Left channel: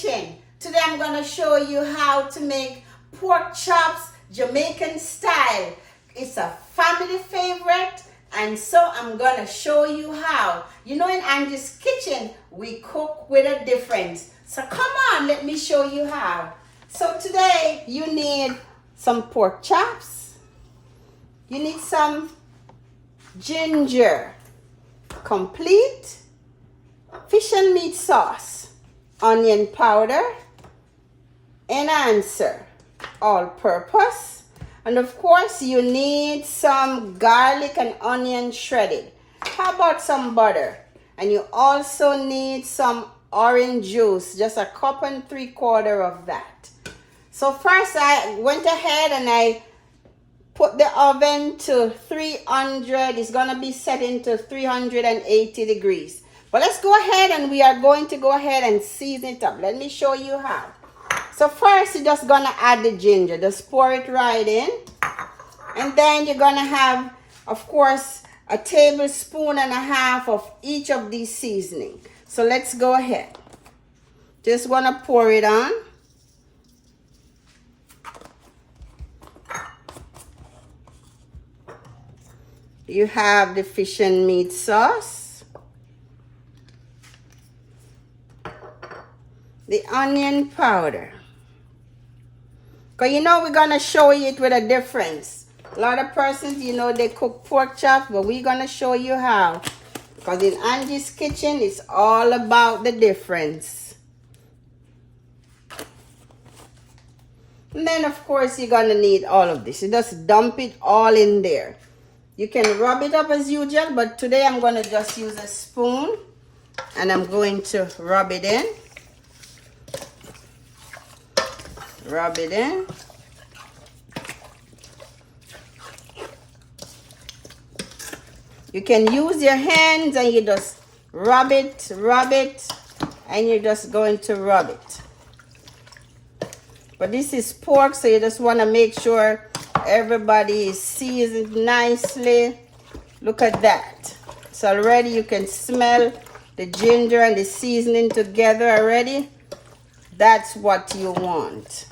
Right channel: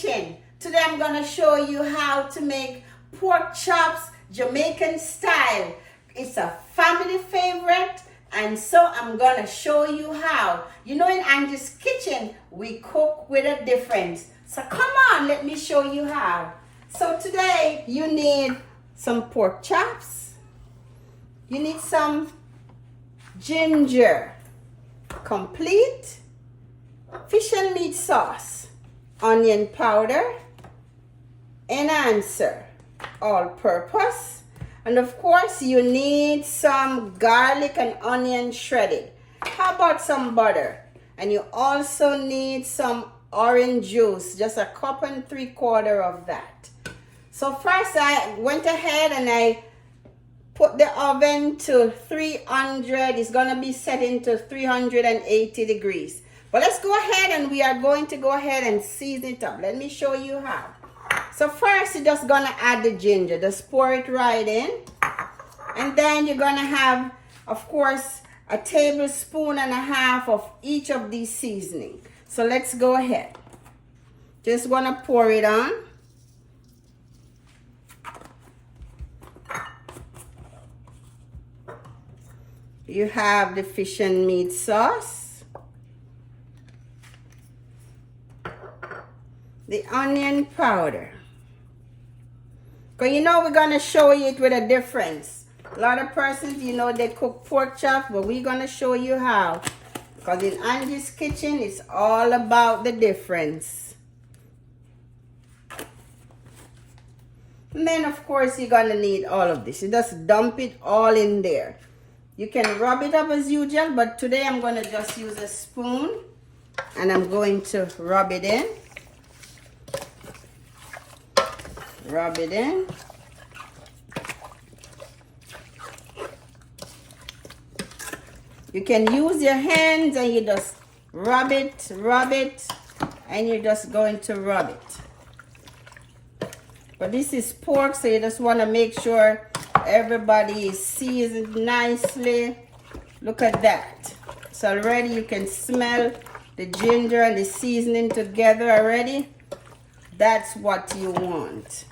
kitchen. Today I'm going to show you how to make pork chops Jamaican style. It's a family favorite, and so I'm going to show you how. You know, in Angie's kitchen we cook with a difference. So come on, let me show you how. So today you need some pork chops. You need some ginger, complete fish and meat sauce, onion powder, enhancer, all-purpose, and of course you need some garlic and onion shredded. How about some butter? And you also need some orange juice, just a cup and 3/4 of that. So first I went ahead and I put the oven to 300. It's going to be set into 380 degrees. But let's go ahead and we are going to go ahead and season it up. Let me show you how. So first you're just going to add the ginger. Just pour it right in. And then you're going to have, of course, a tablespoon and a half of each of these seasoning. So let's go ahead. Just want to pour it on. You have the fish and meat sauce, the onion powder. Because you know we're going to show you it with a difference. A lot of persons, you know, they cook pork chops, but we're going to show you how. Because in Angie's kitchen, it's all about the difference. And then, of course, you're going to need all of this. You just dump it all in there. You can rub it up as usual, but today I'm going to just use a spoon and I'm going to rub it in. Rub it in. You can use your hands and you just rub it, and you're just going to rub it. But this is pork, so you just want to make sure everybody is seasoned nicely. Look at that. So already you can smell the ginger and the seasoning together already. That's what you want.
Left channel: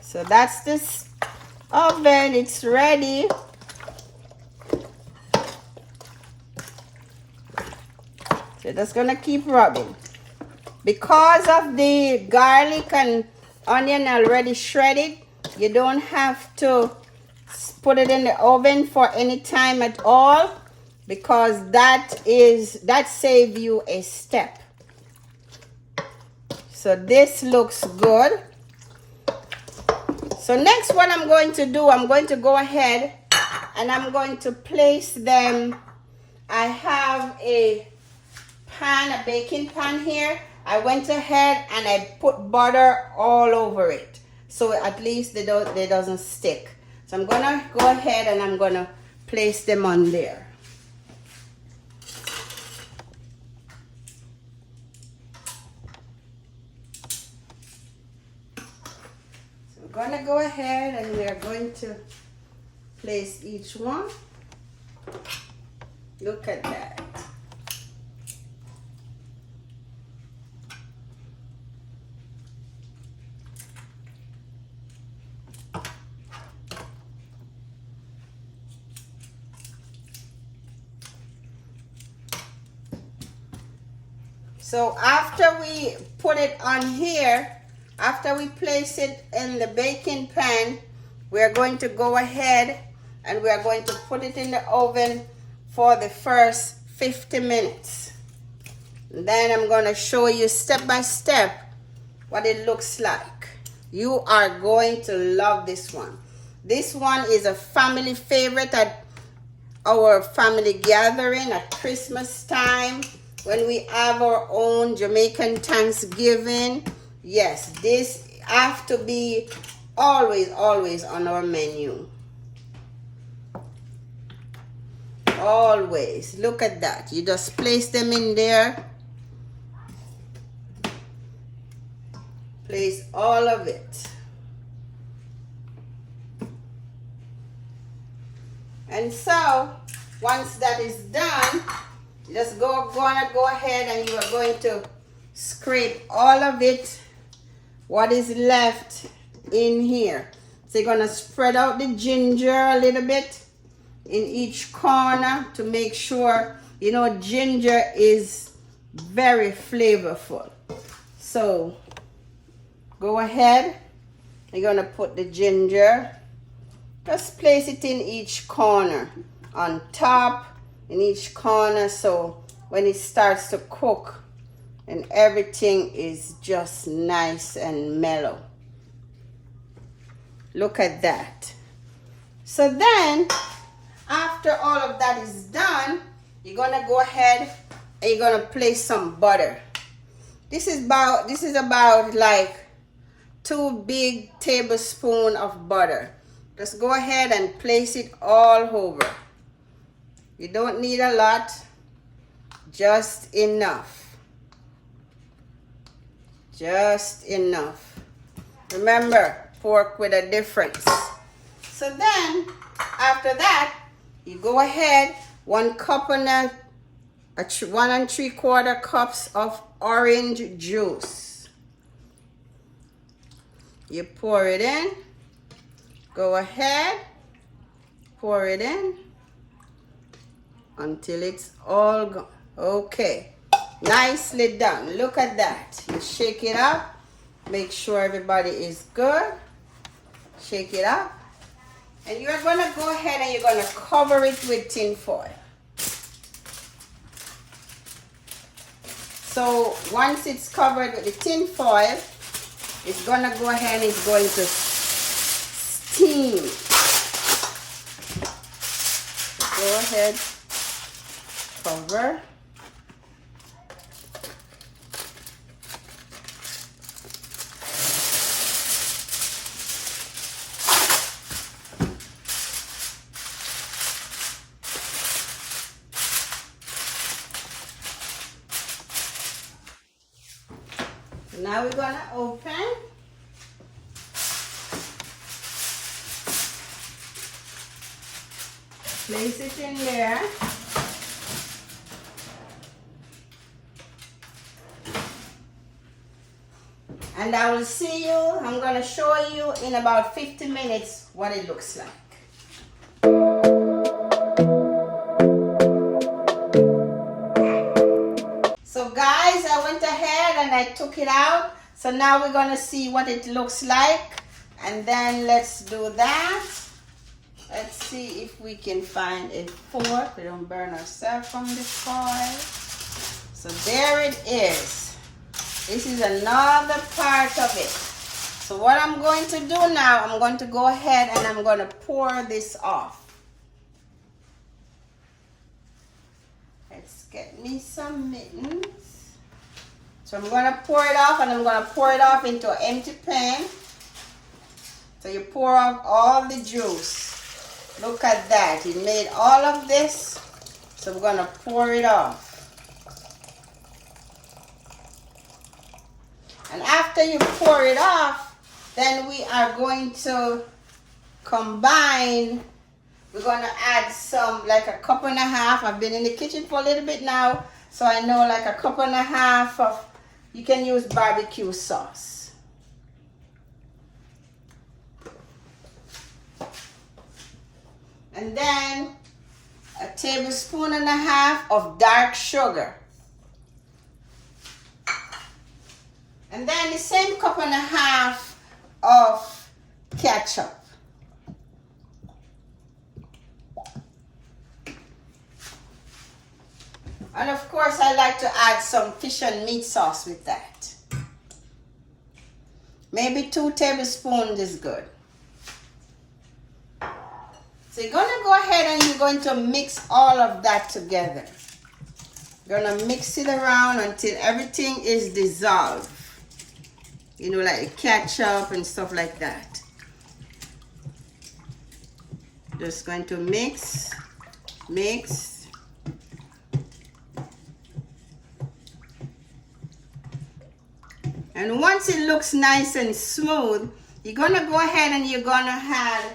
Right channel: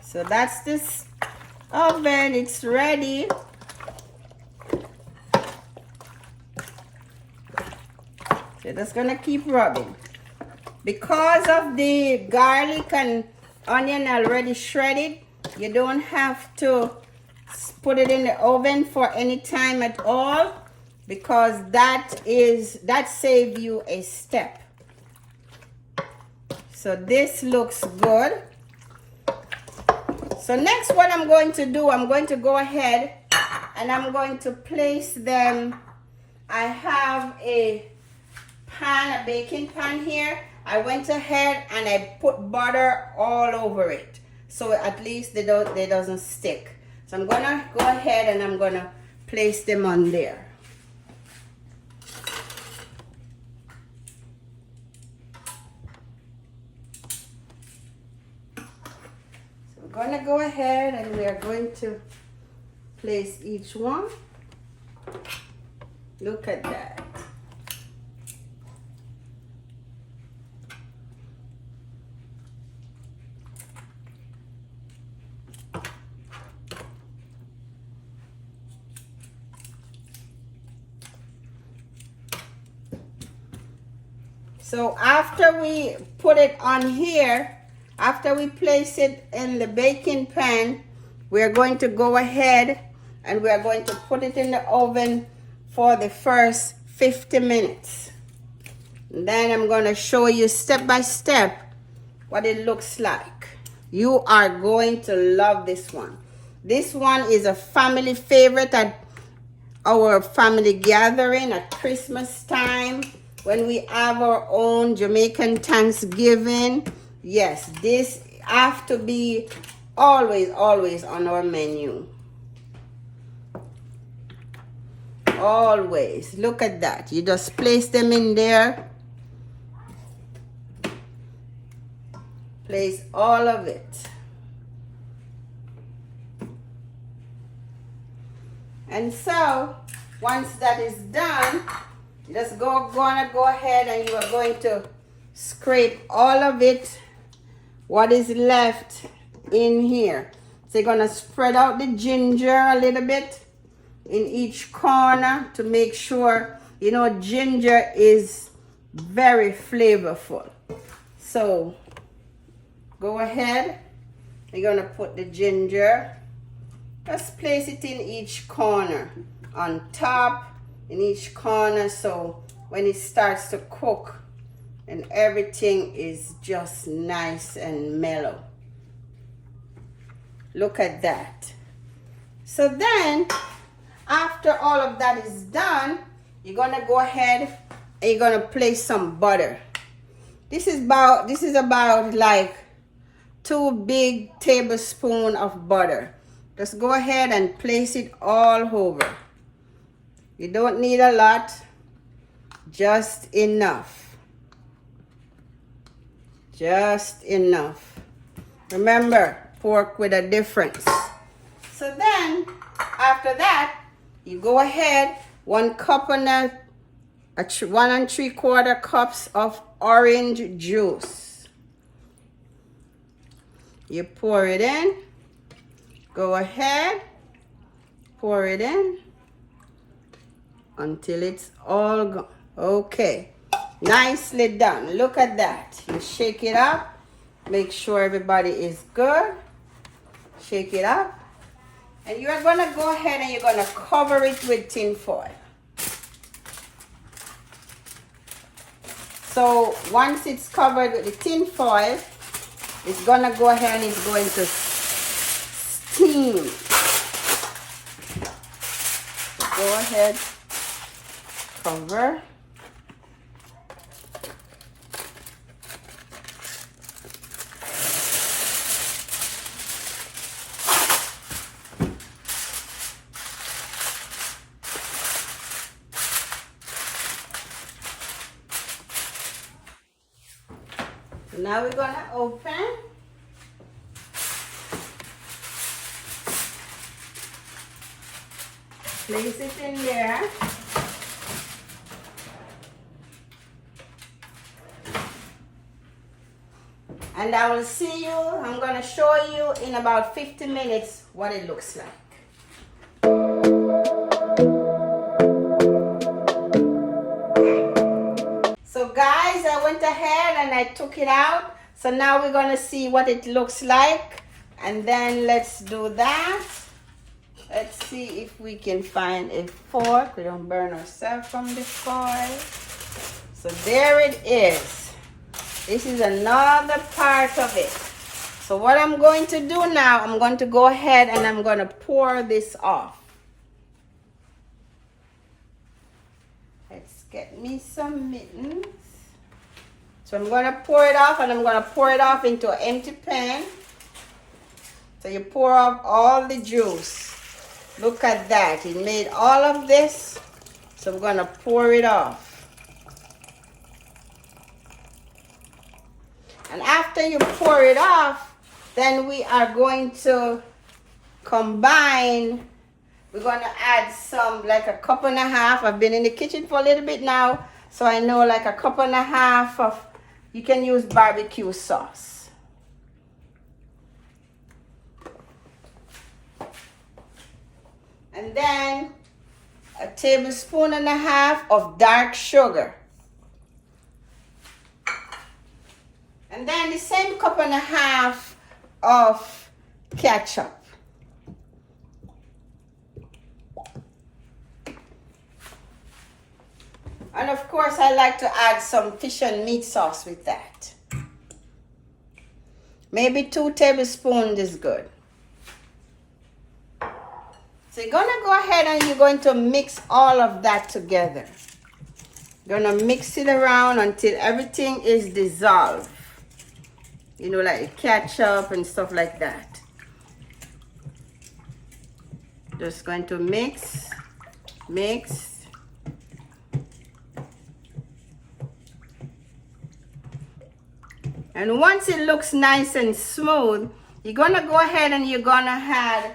So that's this oven. It's ready. So just gonna keep rubbing. Because of the garlic and onion already shredded, you don't have to put it in the oven for any time at all, because that saves you a step. So this looks good. So next what I'm going to do, I'm going to go ahead and I'm going to place them. I have a pan, a baking pan here. I went ahead and I put butter all over it, so at least they doesn't stick. So I'm gonna go ahead and I'm gonna place them on there. So I'm gonna go ahead and we are going to place each one. Look at that. So after we put it on here, after we place it in the baking pan, we are going to go ahead and we are going to put it in the oven for the first 50 minutes. And then I'm going to show you step by step what it looks like. You are going to love this one. This one is a family favorite at our family gathering at Christmas time. When we have our own Jamaican Thanksgiving, yes, this have to be always on our menu. Always. Look at that. You just place them in there. Place all of it. And so once that is done, you just gonna go ahead and you are going to scrape all of it, what is left in here. So you're gonna spread out the ginger a little bit in each corner to make sure, you know, ginger is very flavorful. So go ahead, you're gonna put the ginger, just place it in each corner, on top, in each corner, so when it starts to cook and everything is just nice and mellow. Look at that. So then, after all of that is done, you're gonna go ahead and you're gonna place some butter. This is about like 2 big tablespoons of butter. Just go ahead and place it all over. You don't need a lot, just enough. Just enough. Remember, pork with a difference. So then, after that, you go ahead, 1 3/4 cups of orange juice. You pour it in. Go ahead, pour it in until it's all gone. Okay, nicely done. Look at that. You shake it up. Make sure everybody is good. Shake it up. And you're going to go ahead and you're going to cover it with tin foil. So once it's covered with the tin foil, it's going to go ahead and it's going to steam. Go ahead, cover. Now we're gonna open. Place it in there. And I will see you, I'm gonna show you in about 50 minutes what it looks like. So guys, I went ahead and I took it out. So now we're gonna see what it looks like. And then let's do that. Let's see if we can find a fork. We don't burn ourselves from the foil. So there it is. This is another part of it. So what I'm going to do now, I'm going to go ahead and I'm going to pour this off. Let's get me some mittens. So I'm going to pour it off and I'm going to pour it off into an empty pan. So you pour off all the juice. Look at that. It made all of this. So we're going to pour it off. And after you pour it off, then we are going to combine. We're going to add some, like 1.5 cups. I've been in the kitchen for a little bit now, so I know like 1.5 cups of, you can use barbecue sauce. And then 1.5 tablespoons of dark sugar. And then the same 1.5 cups of ketchup. And of course, I like to add some fish and meat sauce with that. Maybe 2 tablespoons is good. So you're going to go ahead and you're going to mix all of that together. You're going to mix it around until everything is dissolved. You know, like ketchup and stuff like that. Just going to mix. And once it looks nice and smooth, you're gonna go ahead and you're gonna add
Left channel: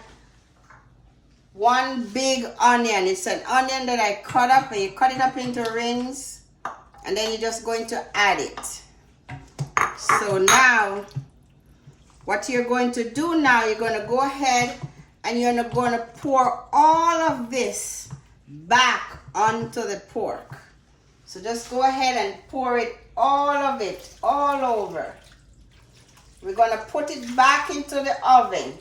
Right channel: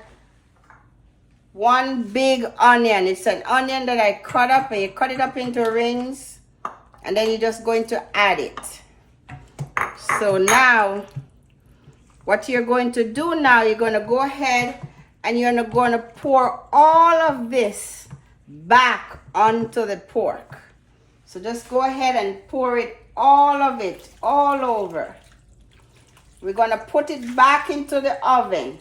one big onion. It's an onion that I cut up, and you cut it up into rings, and then you're just going to add it. So now what you're going to do now, you're going to go ahead and you're going to pour all of this back onto the pork. So just go ahead and pour it, all of it, all over. We're going to put it back into the oven.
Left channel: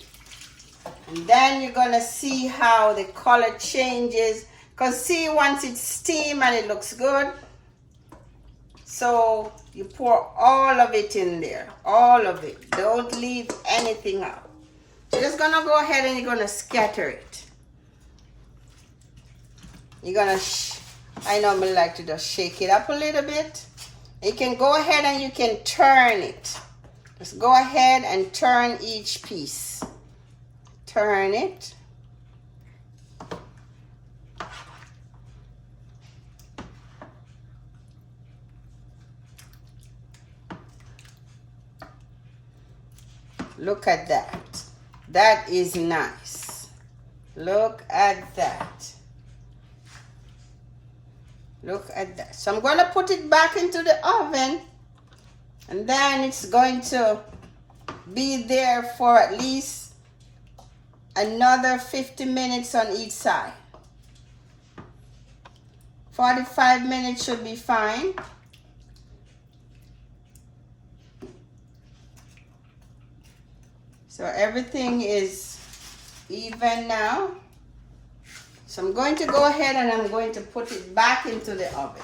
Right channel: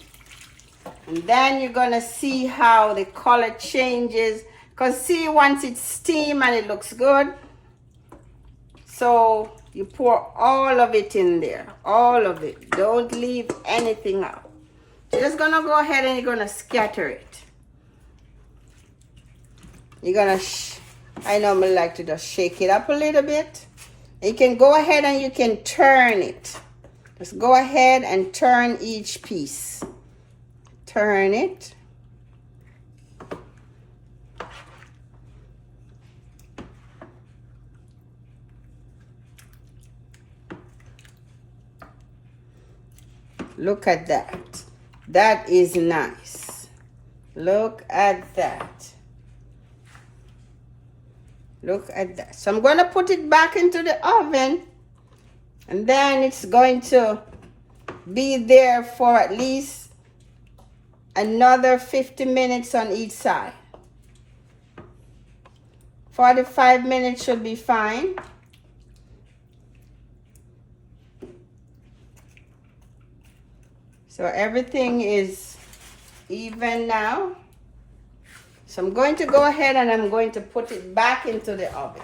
And then you're going to see how the color changes. Because see, once it's steamed and it looks good. So you pour all of it in there. All of it. Don't leave anything out. You're just going to go ahead and you're going to scatter it. You're going to, I normally like to just shake it up a little bit. You can go ahead and you can turn it. Just go ahead and turn each piece. Turn it. Look at that. That is nice. Look at that. Look at that. So I'm going to put it back into the oven, and then it's going to be there for at least another 50 minutes on each side. 45 minutes should be fine. So everything is even now. So I'm going to go ahead and I'm going to put it back into the oven.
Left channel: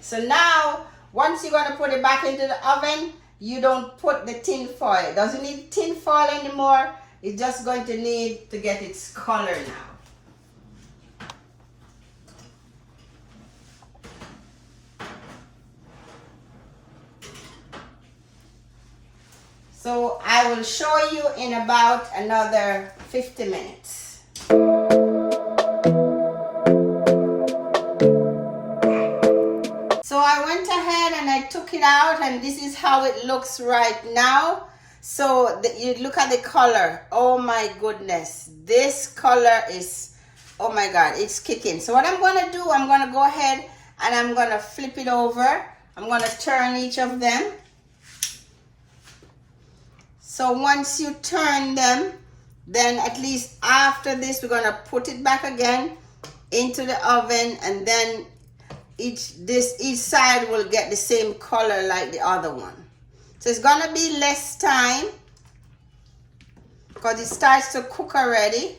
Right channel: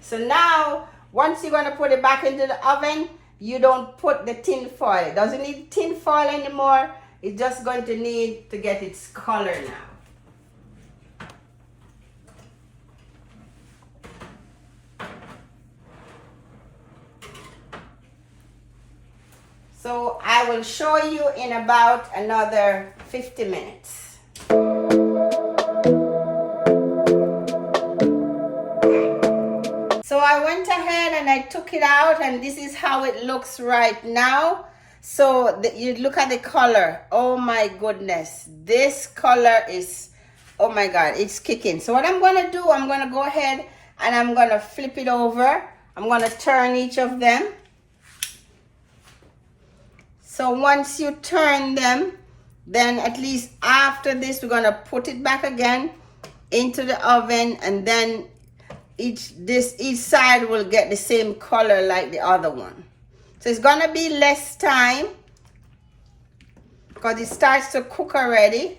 So now, once you're going to put it back into the oven, you don't put the tin foil. It doesn't need tin foil anymore. It's just going to need to get its color now. So I will show you in about another 50 minutes. So I went ahead and I took it out, and this is how it looks right now. So you look at the color. Oh my goodness. This color is, oh my God, it's kicking. So what I'm going to do, I'm going to go ahead and I'm going to flip it over. I'm going to turn each of them. So once you turn them, then at least after this, we're going to put it back again into the oven, and then each side will get the same color like the other one. So it's going to be less time because it starts to cook already,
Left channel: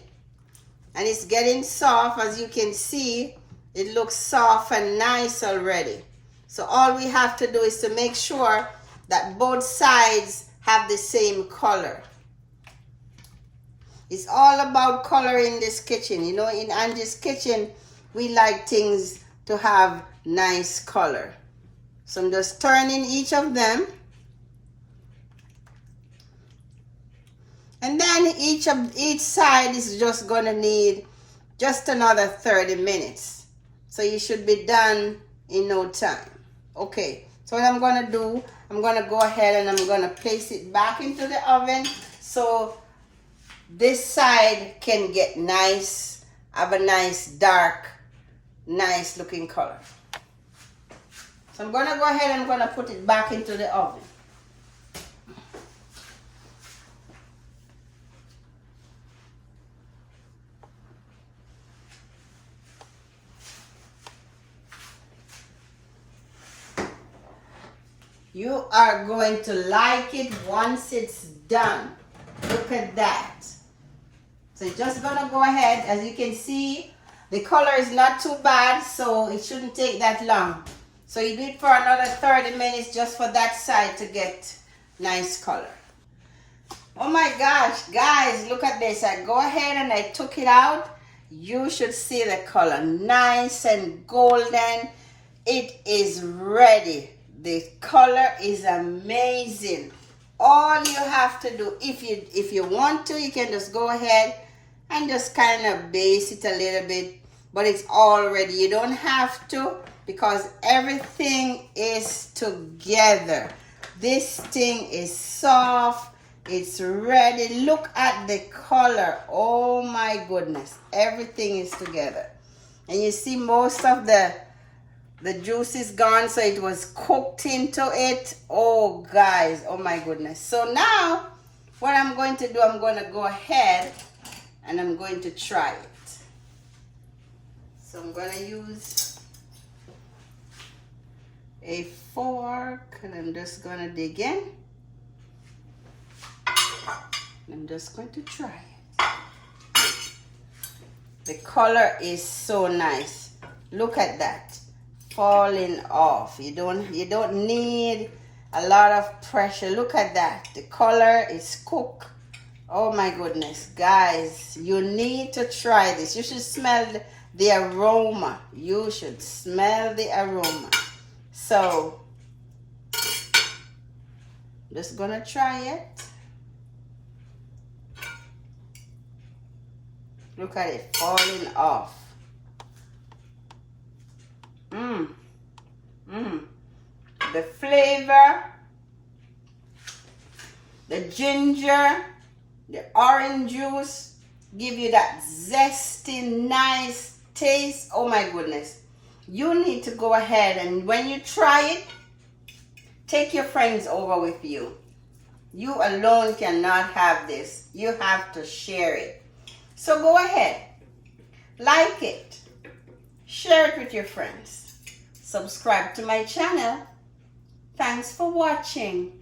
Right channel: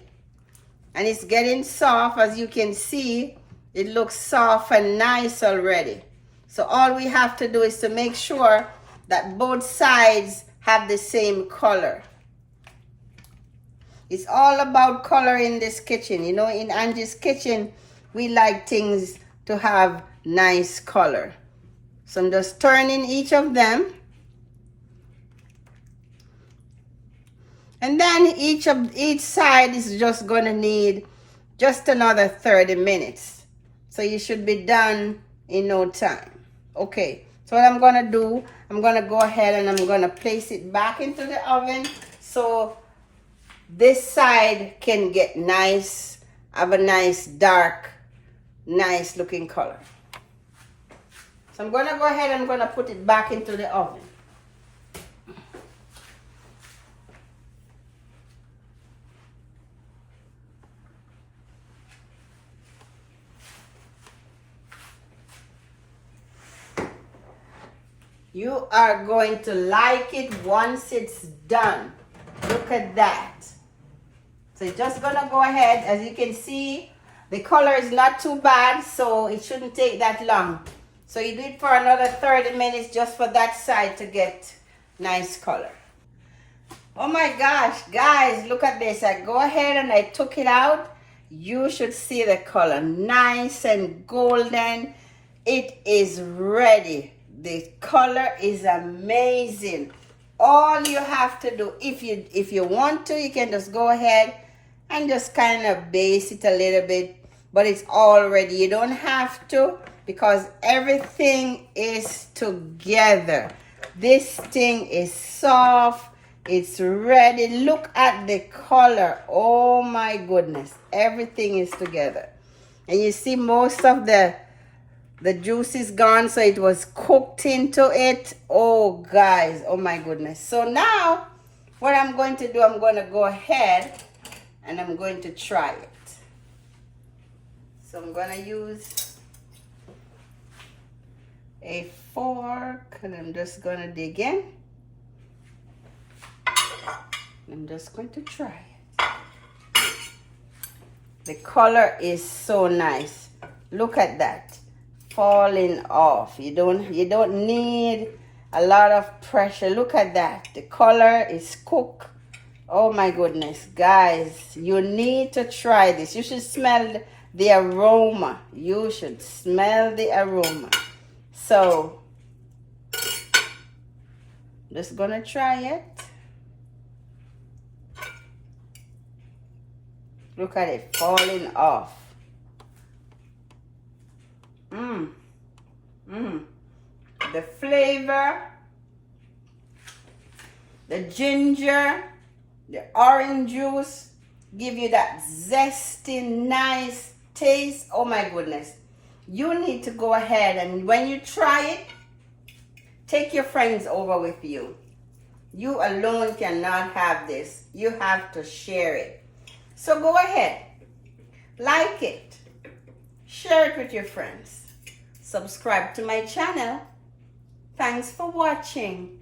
and it's getting soft. As you can see, it looks soft and nice already. So all we have to do is to make sure that both sides have the same color. It's all about color in this kitchen. You know, in Angie's kitchen, we like things to have nice color. So I'm just turning each of them. And then each side is just going to need just another 30 minutes. So you should be done in no time. Okay, so what I'm going to do, I'm going to go ahead and I'm going to place it back into the oven so this side can get nice, have a nice dark, nice looking color. So I'm going to go ahead and I'm going to put it back into the oven. You are going to like it once it's done. Look at that. So you're just going to go ahead. As you can see, the color is not too bad, so it shouldn't take that long. So you do it for another 30 minutes just for that side to get nice color. Oh my gosh, guys, look at this. I go ahead and I took it out. You should see the color. Nice and golden. It is ready. The color is amazing. All you have to do, if you want to, you can just go ahead and just kind of base it a little bit, but it's all ready. You don't have to, because everything is together. This thing is soft. It's ready. Look at the color. Oh my goodness. Everything is together. And you see most of the juice is gone, so it was cooked into it. Oh guys, oh my goodness. So now what I'm going to do, I'm going to go ahead and I'm going to try it. So I'm going to use a fork and I'm just going to dig in. I'm just going to try it. The color is so nice. Look at that. Falling off. You don't need a lot of pressure. Look at that. The color is cooked. Oh my goodness, guys, you need to try this. You should smell the aroma. You should smell the aroma. So just gonna try it. Look at it falling off. The flavor, the ginger, the orange juice give you that zesty, nice taste. Oh my goodness. You need to go ahead and when you try it, take your friends over with you. You alone cannot have this. You have to share it. So go ahead, like it, share it with your friends, subscribe to my channel. Thanks for watching.